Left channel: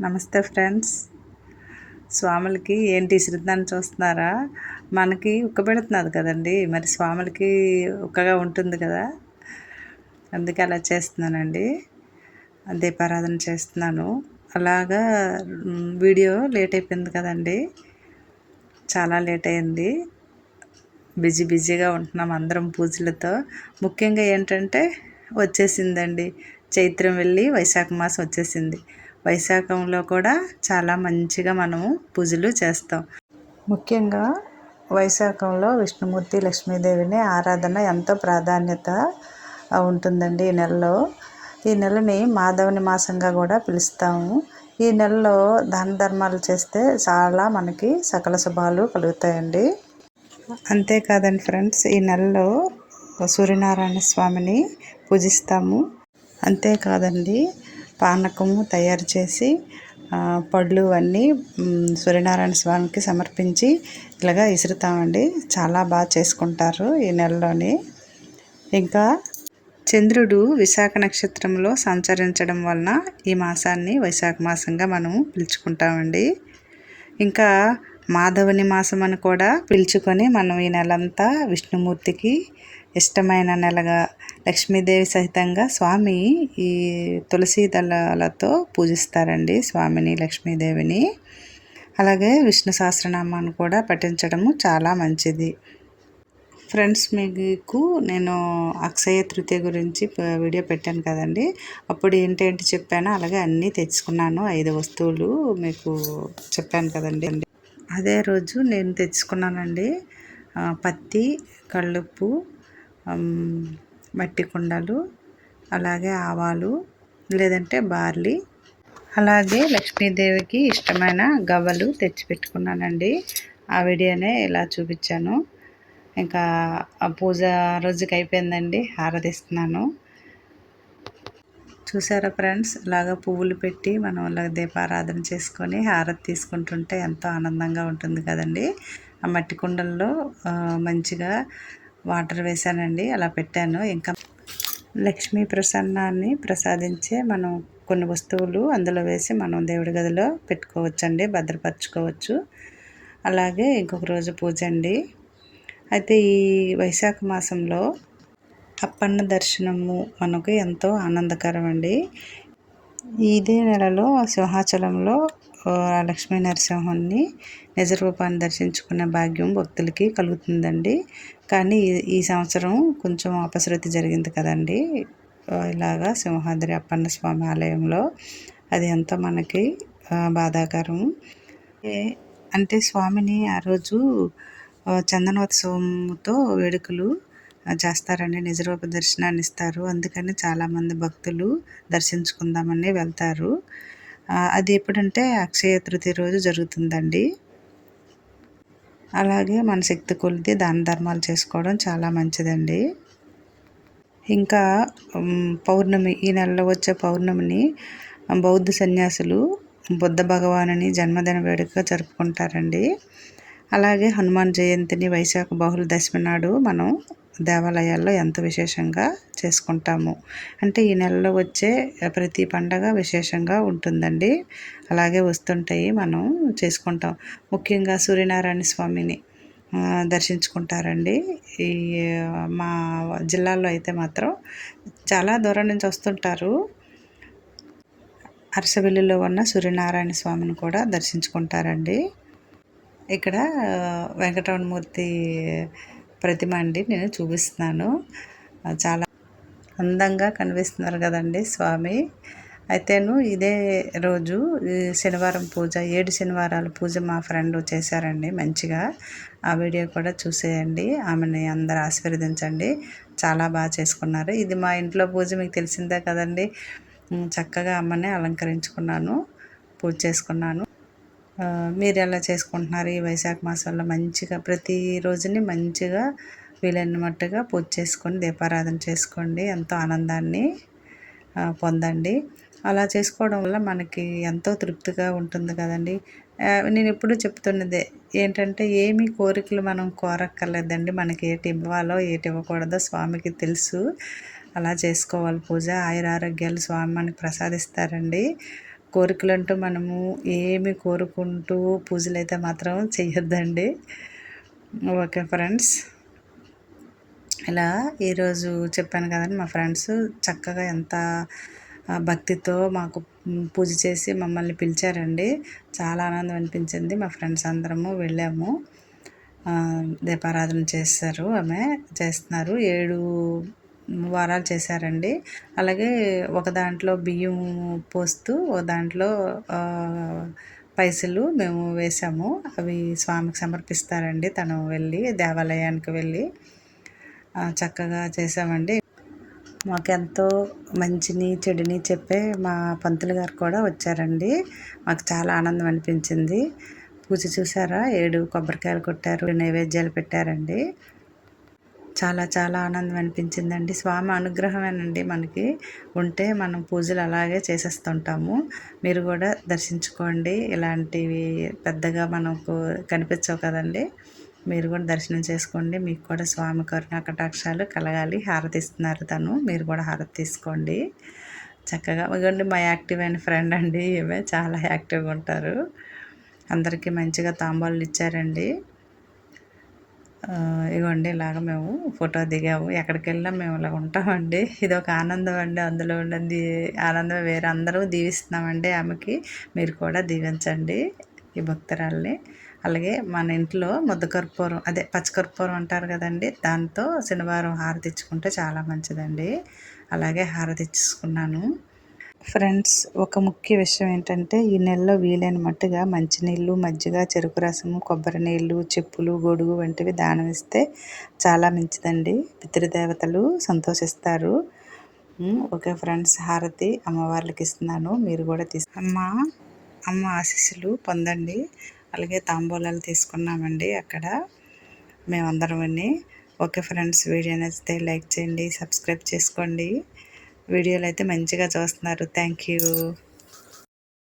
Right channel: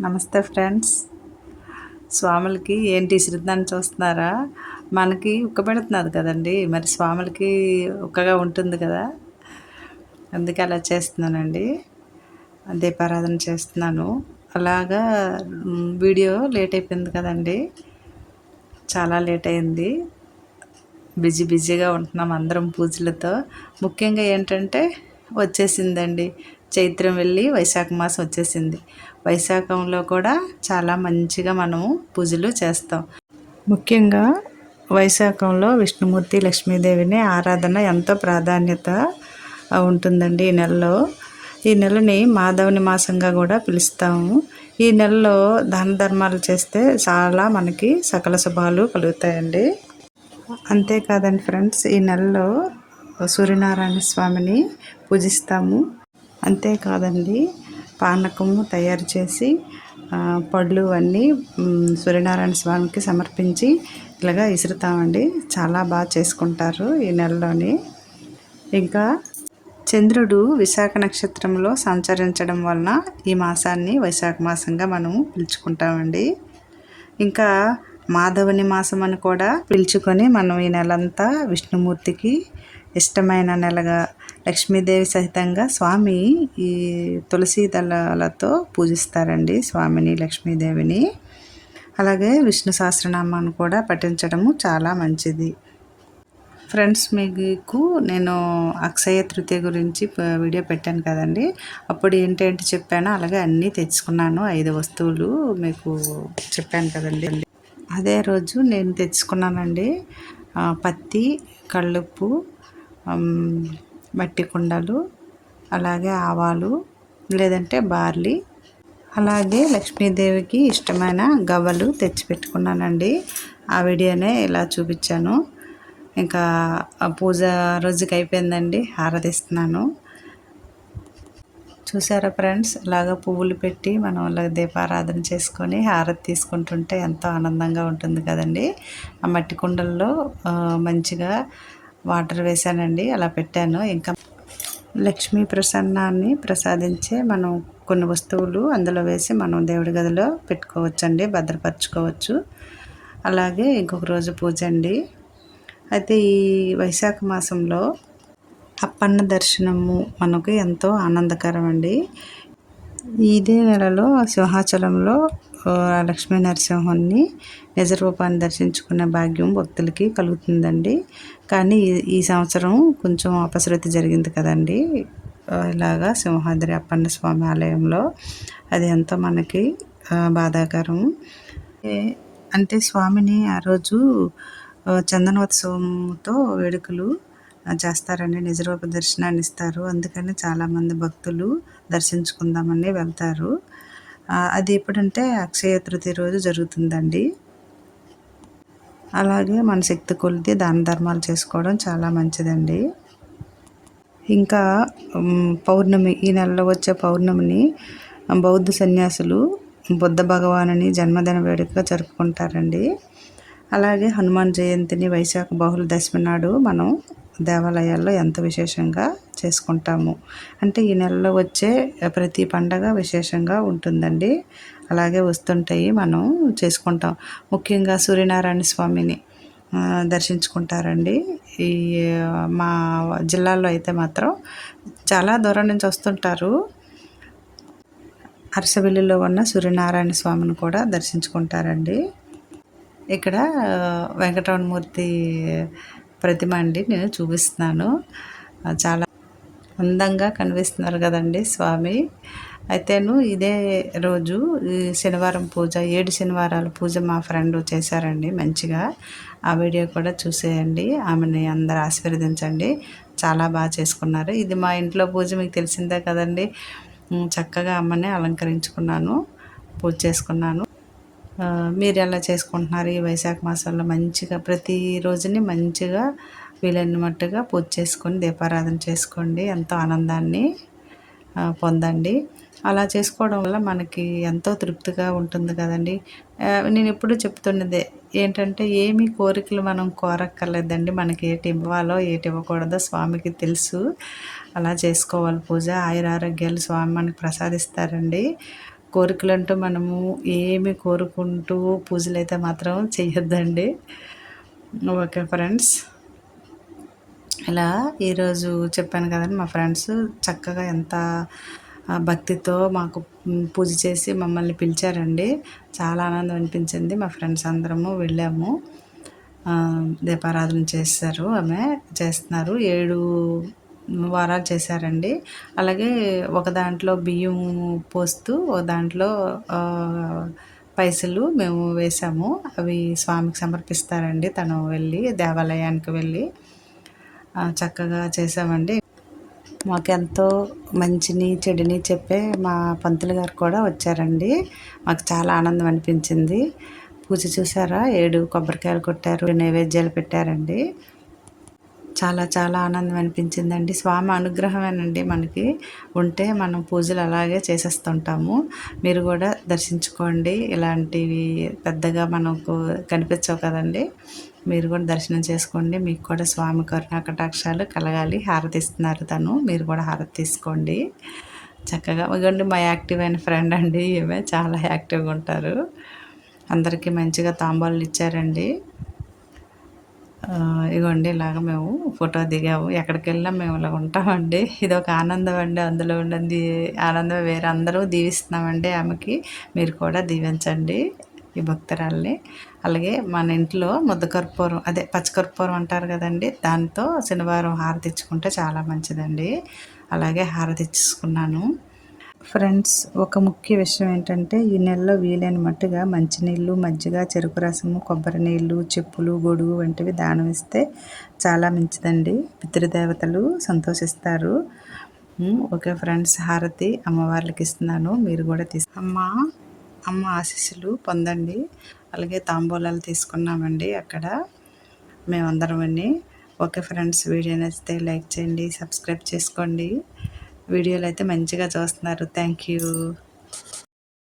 నమస్తే ఫ్రెండ్స్. స్వాములకి ఏంటి ఇసురుద్దాన్ని చూస్తున్నారా? మనకి ఉక్కబెడుతున్నది కదండి. మరి స్వాములకి ఉక్కగా ఉంటుంది కదా. అందుకే అలా చేస్తున్నానండి. దీపారాధన చేస్తున్నాను. అలాగా వీడియో లేట్ అయిపోయింది కదండి. చాలా లేట్ అయింది. బిజీ బిజీగా ఉంటున్నాం అందరం పూజలతో. ముఖ్యంగా ఏంటంటే వచ్చేసిందండి. చైత్రం వెళ్ళి వైశాఖ మాసం వచ్చేసింది. వైశాఖంలో కూడా చాలా మంచిగా మనము పూజలు చేస్తాం. ముఖ్యంగా వైశాఖంలో విష్ణుమూర్తి లక్ష్మీదేవిని ఆరాధన ఎంతో ప్రాధాన్యత ఉంటుందండి ఈ నెలలో. ఈ నెలని మాధవుని మాసంగా కూడా పిలుస్తాము. ఈ నెలలో దాన ధర్మాలు చేస్తే చాలా మనకి సకల శుభాలు కలుగుతాయండి. అంతేకాదండి ఫ్రెండ్స్ ఈ నెలలో సూర్యనారాయణ స్వామిని పూజిస్తాము. అంతేకాదండి పానకము తయారు చేసి పళ్ళు అన్నీ సూర్యనారాయణ స్వామికి సమర్పించి ఇలాగా ఇసురుతామండి. చాలా బాగా చేసుకుంటారు ఈ నెలలోని. ఇంకా చంద్రుడు విశాఖ నక్షత్రంలో సంచరించడం వలన ఈ మాసాన్ని వైశాఖ మాసంగా మనము పిలుచుకుంటామండి. ఇంకా మాధవుని మాసం అని కూడా పిలుచుకొని మనం ఈ నెలంతా విష్ణుమూర్తికి ఇష్టమైన నెలగా లక్ష్మీదేవి సహితంగా స్వామి ఈ తులసి దళాలతో పూజిస్తారండి స్వామిని లక్ష్మీదేవిని. అలాగే విష్ణు సహస్రనామాన్ని కూడా పఠించడము చాలా మంచిది. ఫ్రెండ్స్ మీకు నేను అక్షయ తృతీయ గురించి వీడియో పెట్టాను కదండి. అప్పుడు ఏంటంటే చెప్పాను అలాగే అన్నీ తెచ్చుకున్నాను. ఐదు వస్తువులు మీకు చెప్పాను కదండి. అదే రోజు నేను తెచ్చుకున్నానండి పత్తి కళ్ళుప్పు మట్టి కుండలు అలాగే ఆవాలు లేదంటే బార్లీ. అలాగే లక్ష్మీదేవికి ఇష్టమైన గవ్వలు తెచ్చిపెట్టుకున్నానండి ఆ వీడియోనే ఇలా చూపించాను. ఇంకా ఆ పూజ రోజుకి అయిపోయిందండి. హారతిస్తున్నాను. చూసారా ఫ్రెండ్స్? ఇలాగా పువ్వులు పెట్టి మనం అలా దీపారాధన చేసుకొని హారతి తీసుకుంటుంటే ఎంతో ఆనందంగా ఉంటుంది కదండి. ఆ మట్టి కుండల్లో మంచిగా వాటర్ వేసానండి అలా పెట్టాను. ఇంకా లక్ష్మీ ప్రసన్నాన్ని ప్రసాదించే మనం కొన్ని వస్తువులు అందులో వేసి మనం దేవుడి గదిలో పెట్టుకోవచ్చండి భద్రపరచుకోవచ్చు. అలాగే ఇంకొక రోజు పూజ అండి. అయితే ఈ వైశాఖ మాసంలో అప్పన్న దర్శనము మనకు ఎంతో ఆనందకరం అండి ఇదే నెలలో సింహాచలంలో లక్ష్మీ నరసింహుని నిజ రూపాన్ని దర్శించుకునే భాగ్యం భక్తులకి కలుగుతుందండి. కానీ ఈ ఈ సంవత్సరం కొంచెం అపశృతి జరిగింది కదండి. ఇలాగా సింహాద్రి అప్పన్న స్వామి ఆలయంలో అది ఎంతో మనకి బాధాకరం. ఏ- అంటే స్వామిని ఆ రోజు చందనోత్సవంతో వేడుకలు చేస్తారండి నిజరూప దర్శనాన్ని ఇస్తారు. అందుకని చాలామంది భక్తులు దర్శించుకుందామని వెళ్తారు. అది ఎప్పుడంటే అక్షయ తృతీయ రోజు జరుగుతుందండి. అలాగే మన శక్తి కొలిది దాన ధర్మాలు చేసుకోవడం చాలా మంచిదండి. ఇంకా పౌర్ణమి ఈ నెలలో వచ్చే పౌర్ణమిని బౌద్ధ సన్యాసులు బుద్ధ భగవానుని జన్మదిన వేడుకగా జరుపుకుంటారండి. అలాగే హనుమాన్ జయంతిని వైశాఖ బహుళ దశమి నాడు మనం దేవాలయాల్లో ఎంతో విశేషంగా చేసుకుంటాము? అంటే ఈ నెలలో వచ్చే ప్రతి పండగ విశేషంగా ఉంటుందండి. అలాగే వస్తుంటాయి మనం చేసుకుంటాం. ముఖ్యంగా సూర్యనారాయణ స్వామిని దర్శించుకుంటారండి. ఈ మా జిల్లాలో అయితే మాత్రం చాలా దూరం నుంచి వస్తుంటారు. అరసవెల్లిలో ఉన్న సూర్యనారాయణ స్వామిని కూడా దర్శించుకుంటారండి. ఇక్కడ ఆ, వెంకటరమణమూర్తి ప్రతిమ అండి నేను చూపిస్తున్నాను. చాలా అందంగా కనిపిస్తున్నారు కదండి స్వామి. అయితేను ఇదే రోజు ఈ శనివారం పూజ ఏడు శనివారాలు పూజ మా ఫ్రెండ్ చేశారండి మంచిగా. ఆ వీడియో కూడా చూసేయండి. ఆమెని అందరు ఆశీర్వదించండి. చాలా బాగా చేసుకున్నారు. ఇది మా ఇంట్లో పూజ మీకు తెలిసిందే కదండి. చక్కగా అమ్మని అలంకరించుకున్నాను పూజ చేసుకున్నాను. మీరు ఎలా చేసుకుంటున్నారు ఈ వైశాఖ మాసంలో మంచిగా ప్రతి రోజుని మంచిగా వీలైన మట్టుగా పూజ చేసుకొని దీపారాధన చేసుకోండి. ఎంతో ఆనందాన్ని పొందండి. అలా చేసుకోవడం వల్ల మనకి ఎంతో తృప్తిగా ఉంటుంది కదండి. నేను ఎప్పుడూ చెప్తున్నదే ఏంటంటే ఏమి కోరికలు మనం కోరక్కర్లేదండి. మనకి ఏటి ఇవ్వాలో ఏటి ఇవ్వకూడదో స్వామికి తెలుసు. అలా చేసుకోవాలి పూజ. ఆయుర ఆరోగ్యాలు స్వామి మనకి ప్రసాదిస్తారండి. కోరికలంటూ మనము ఏమి కోరుకుంటూ పూజలు అయితే మాత్రం చేయొద్దండి. Okay friends. ఇలా ఈరోజు చెప్పాను కదండి మా ఫ్రెండ్స్ చక్కగా ఎంత భక్తితో మాకు పూజ చేసి మమ్మల్ని పిలిచారండి. చాలా ఆనందం అనిపించింది. మా ఫ్రెండ్స్ అందరము వెళ్ళాము. దీపారాధన చేస్తారు ఆమె చేస్తున్నారు. ఏడు వారాలు చేశారండి. అలాగే ఒక దాంట్లో బియ్యం పోస్తూ ఒక దాంట్లో పైసలు మేము వేసాము అవి స్వామికి సమర్పిస్తారండి. తను వెళ్ళి దేవాలయానికి వెళ్ళి చక్కగా చేసామండి మాకెంతో మంచిని చెడుని చెప్పే మా పంతులు గారు కూడా వచ్చారండి. మాకు చాలా ఆనందం అనిపించింది. పూజ చూసారా? ఏడు కొబ్బరికాయలు కొట్టారు నైవేద్యాలు పెట్టారండి. చాలా చాలా ఆనందం అనిపించిందండి. స్వామి అనుగ్రహమేనండి మనకి. ఉంటే మనం పూజలు అలాగే చేసేస్తుంటాము. మీరు కూడా దర్శించుకోండి. ఇలాంటివి పెద్దగా మనకు కనిపించవు కదండి. మీరు కూడా దర్శనం చేసుకోండి. మీకు కూడా స్వామి కరుణా కటాక్షాలు కలగాలి. హారతి ఇస్తున్నారు తను. మీరు కూడా హారతి తీసుకోండి. చక్కగా ఇవ్వండి మా యాక్టివ్ అయిన ఫ్రెండ్ అండి ఈమె. చాలా యాక్టివ్గా ఉంటారు. అందరికీ మంచిగా తాంబాలు ఇచ్చారండి. ఇగోండి ఇలాగ మేము ఫోటో దిగాము. ఎక్కడికి వెళ్ళినా మేము ఇలా ఉంటామండి. ఇది ఒక ఆనందం అండి. అందులో ఉండండి ఆనందం వేరే. అందరూ దీవిస్తున్నామండి ఆమెకి. మీరు కూడా దీవించండి ఈ భక్తురాల్ని. అలాగే మన ఇంట్లో ముద్దకర్పూరం అదే పచ్చకర్పూరం అంటారు కదండి దాంతో శనివారం హారతి ఇచ్చుకుంటే చాలా మంచిదండి. అలాగే హారతి ఇచ్చుకున్నాను ఫ్రెండ్స్ ఒక ముఖ్య విషయం ఏంటంటే ఈ నెలలో వీలైన మట్టుగా మంచినీళ్ళు మజ్జిగ చెరుకు రసము కొబ్బరి నీళ్ళు చెప్పులు గొడుగు వంటివి దానం ఇస్తే చాలా మంచిదండి. పితృదేవతలు సంతోషిస్తారు. ఓకే ఫ్రెండ్స్ హారతి అమ్మవార్లకి ఇస్తున్నాను. మీరు కూడా తీసు అమ్మ అమ్మ ఆశీస్సులు పొందండి. అలాగే తాంబూలాలు తీసుకున్నామండి అక్కడ. మేమందరం ఓకే ఫ్రెండ్స్ వీడియో నచ్చితే లైక్ చేయండి సబ్స్క్రైబ్ చేసుకోండి. వీడియోలు అయితే మంచిగా చూస్తున్నారు. Thank you